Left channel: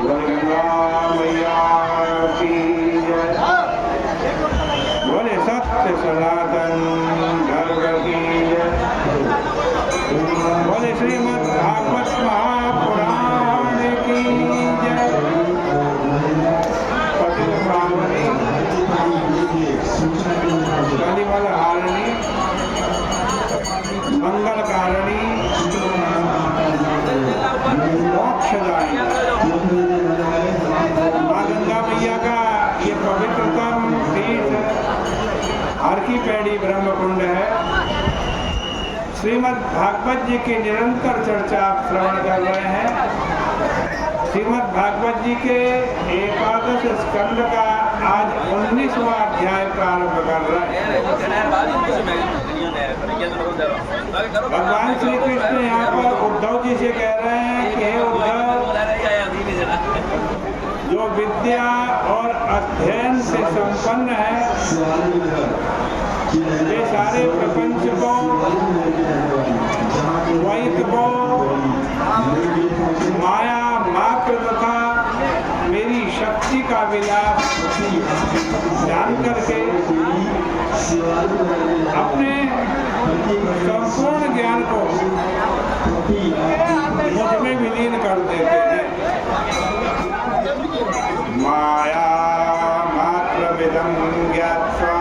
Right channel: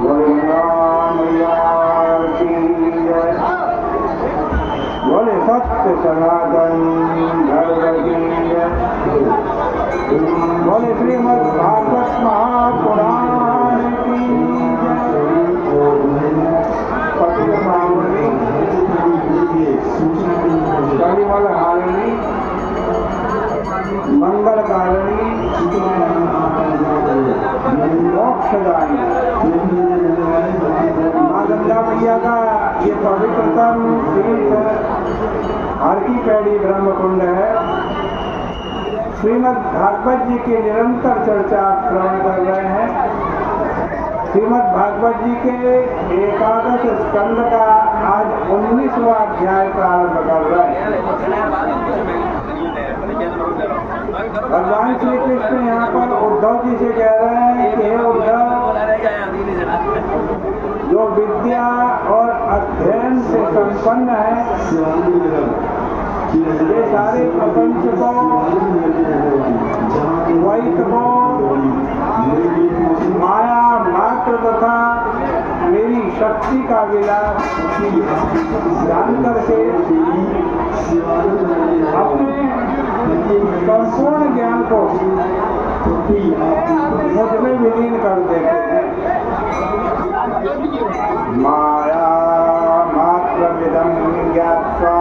बोले गंगा मैया की जय। बोले सत्य सनातन धर्म की जय। बोले श्रीमद् भागवत महापुराण की जय। पतित पावनी कलिमल हारिणी मंगलकारिणी मोक्षदायिनी माँ गंगा मैया का ये पवित्रतम तीर्थ हर की पैड़ी ब्रह्मकुंड है। श्रीमद् भागवत जी की निरंतर चर्चा आप श्रवण कर रहे हैं। श्रीमद् भागवत जी के एकादश स्कंद का आज 19वां अध्याय प्रारंभ कर रहे हैं। भगवान श्री कृष्ण यहाँ पर उद्धव जी से कह रहे हैं कि हे उद्धव, जो विद्या और अध्ययन से संपन्न है वे सारे प्रपंच को, द्वैत को, माया मात्र तथा मेरी शक्ति का विलास जान करके अपने संपूर्ण ज्ञान को मुझ में विलीन कर देते हैं। माया मात्र विदं ज्ञात्वा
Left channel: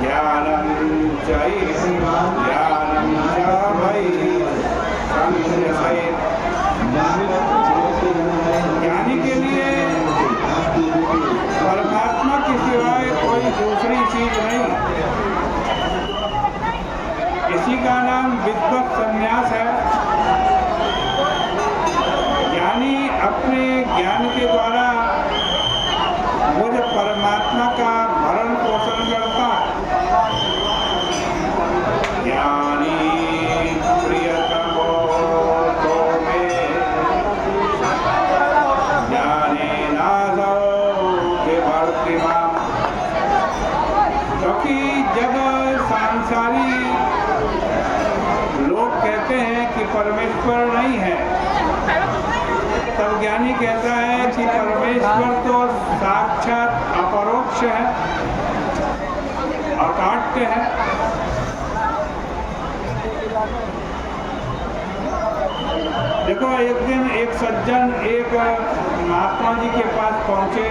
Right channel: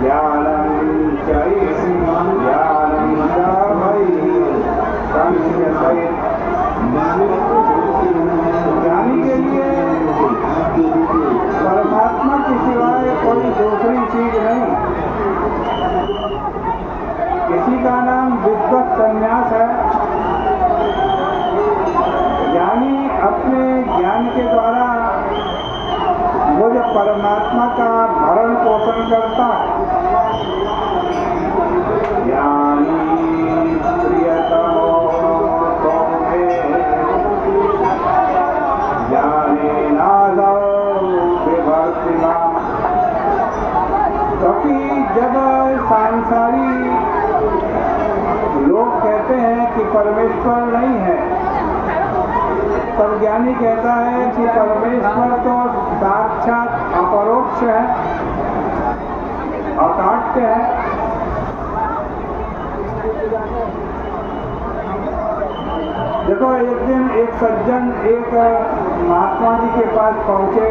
ज्ञानं च मयि संन्यसेत्। ज्ञानी के लिए परमात्मा के सिवाय कोई दूसरी चीज नहीं। इसी का नाम विद्वत संन्यास है। ज्ञानी अपने ज्ञान के द्वारा मुझ परमात्मा का भरण पोषण करता है। ज्ञानी प्रियतमो मे ज्ञानेनासौ बिभर्ति माम्। क्योंकि जब सांसारी लोग कहते हैं कि परमेश्वर नहीं है, तब ज्ञानी कहता है कि परमेश्वर तो साक्षात अपरोक्ष है, अकाट्य है। देखो, एक दिन एक सज्जन एक महात्मा जी के पास पहुंचे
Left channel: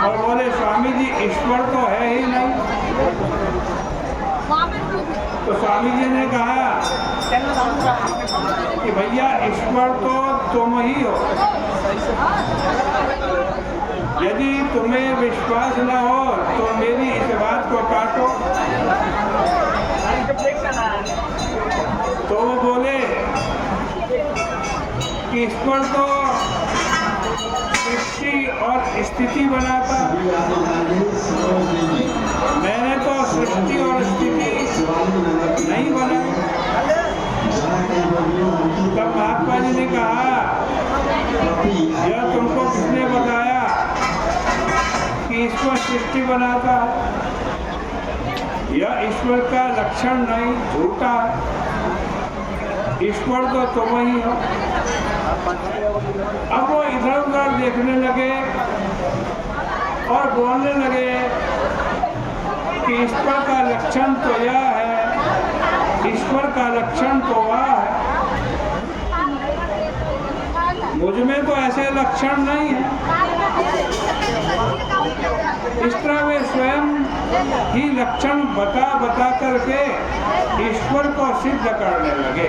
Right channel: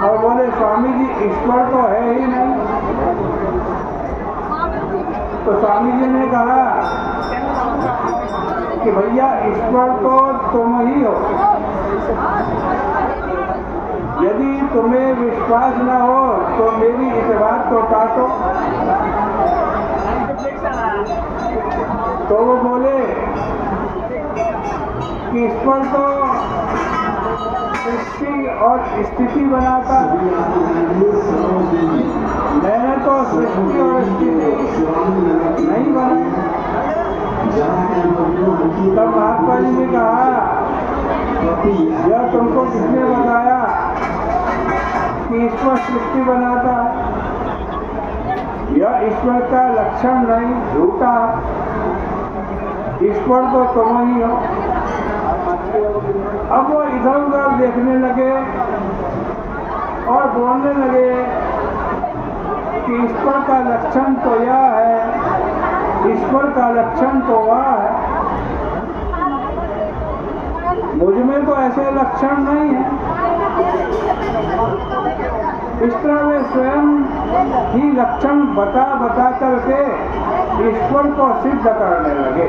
और बोले, स्वामी जी ईश्वर तो है ही नहीं। तो स्वामी जी ने कहा कि भैया ईश्वर तो तुम ही हो। यदि तुम्हें विश्वास न हो तो मेरी इस बात को काटो। तो वो बोले कि ईश्वर तो सृष्टि और स्थिति बनाता, मैंने तो सृष्टि और स्थिति नहीं बनाई। तब महात्मा जी ने कहा, यह तुमको किसने बताया कि ईश्वर सृष्टि बनाता? यह ईश्वर का लक्षण नहीं, झूठा। ईश्वर तो तुम ही हो। अब वो इधर उधर देखने लगे और बोलने लगे कि ईश्वर का लक्षण तो यह है, ईश्वर का लक्षण तो वह है। मुझ में तो ऐसे लक्षण नहीं है। इस तरह वे स्वयं ही लक्षण बता बता करके ईश्वर को सिद्ध करने लगे।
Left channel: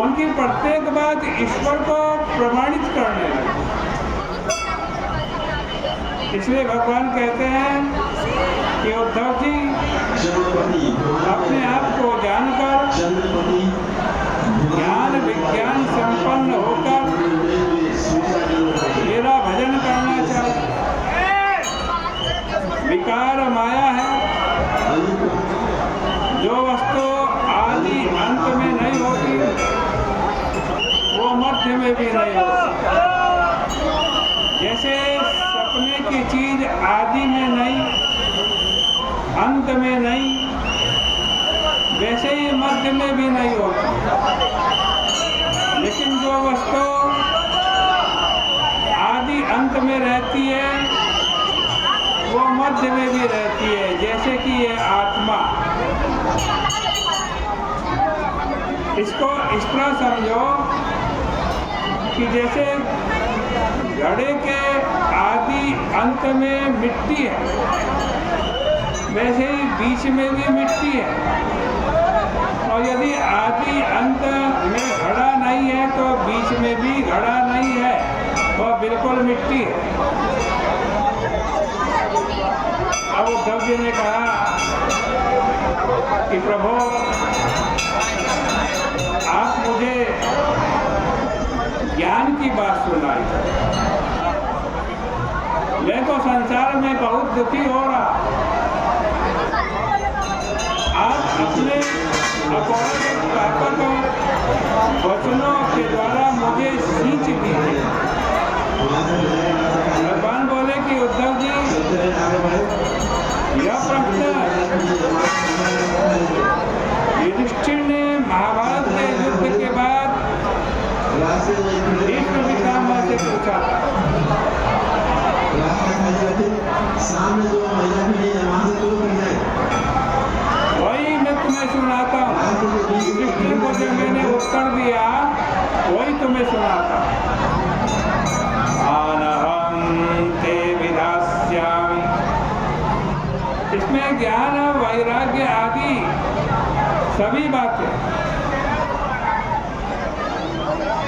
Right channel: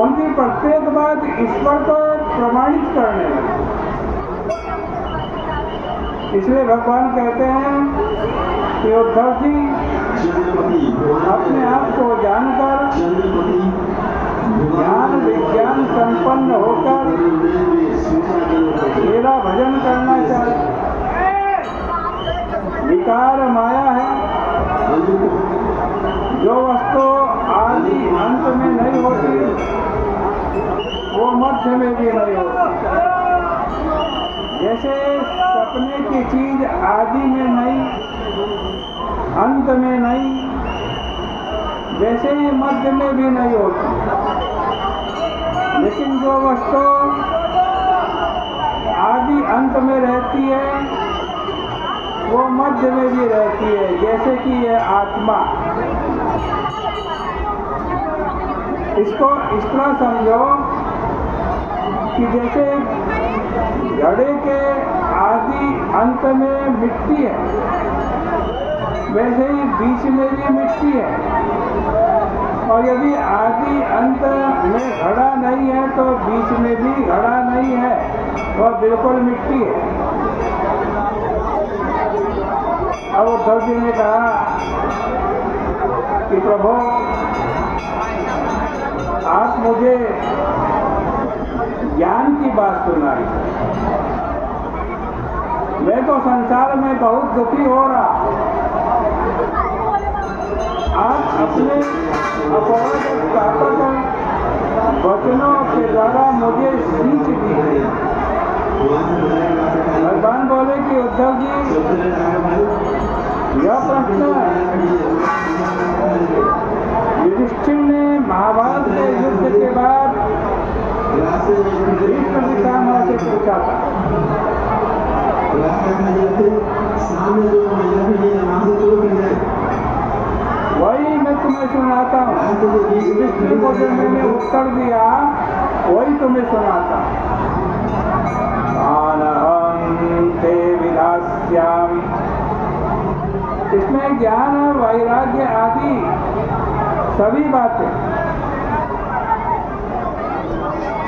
उनकी प्रत्येक बात ईश्वर को प्रमाणित करने लगे। इसलिए भगवान कहते हैं कि उद्धव जी, अपने आप को जानकर ज्ञान विज्ञान संपन्न होकर मेरा भजन करना चाहिए। विकार माया है, जो वस्तु आदि अंत में नहीं होती वो मध्य में भी नहीं होती। जैसे सपने की चीज आदि में नहीं, अंत में नहीं, वैसे ही मध्य में भी नहीं होती। लेकिन जो वस्तु आदि अंत में रहती है वो मध्य में भी रहती है, जैसे कि यह आत्मा। इसको इस तरह समझो कि जैसे घड़े के आदि अंत में मिट्टी है, वैसे ही बीच में भी मिट्टी है। और यदि आदि अंत में घड़ा नहीं है तो बीच में भी घड़ा नहीं है, वह बिल्कुल मिट्टी है। अब उद्धव जी ने कहा कि प्रभु आप मुझे ज्ञान की बात सुनाई। मैं तो संसार में बहुत दुखी हो रहा। आप अपने अपौरुष वचनों के द्वारा मुझे सींच दीजिए। भगवान बोले कि उद्धव जी, यह प्रश्न युधिष्ठिर ने महाभारत के युद्ध के बाद भीष्म पितामह से पूछा था। वही मैं तुम्हें सुनाता हूँ। युधिष्ठिर को जो मैंने उत्तर दिया वही तुम्हें सुनाता हूँ। अहं ते विधास्यामि। इसमें ज्ञान वैराग्य आदि सभी बातें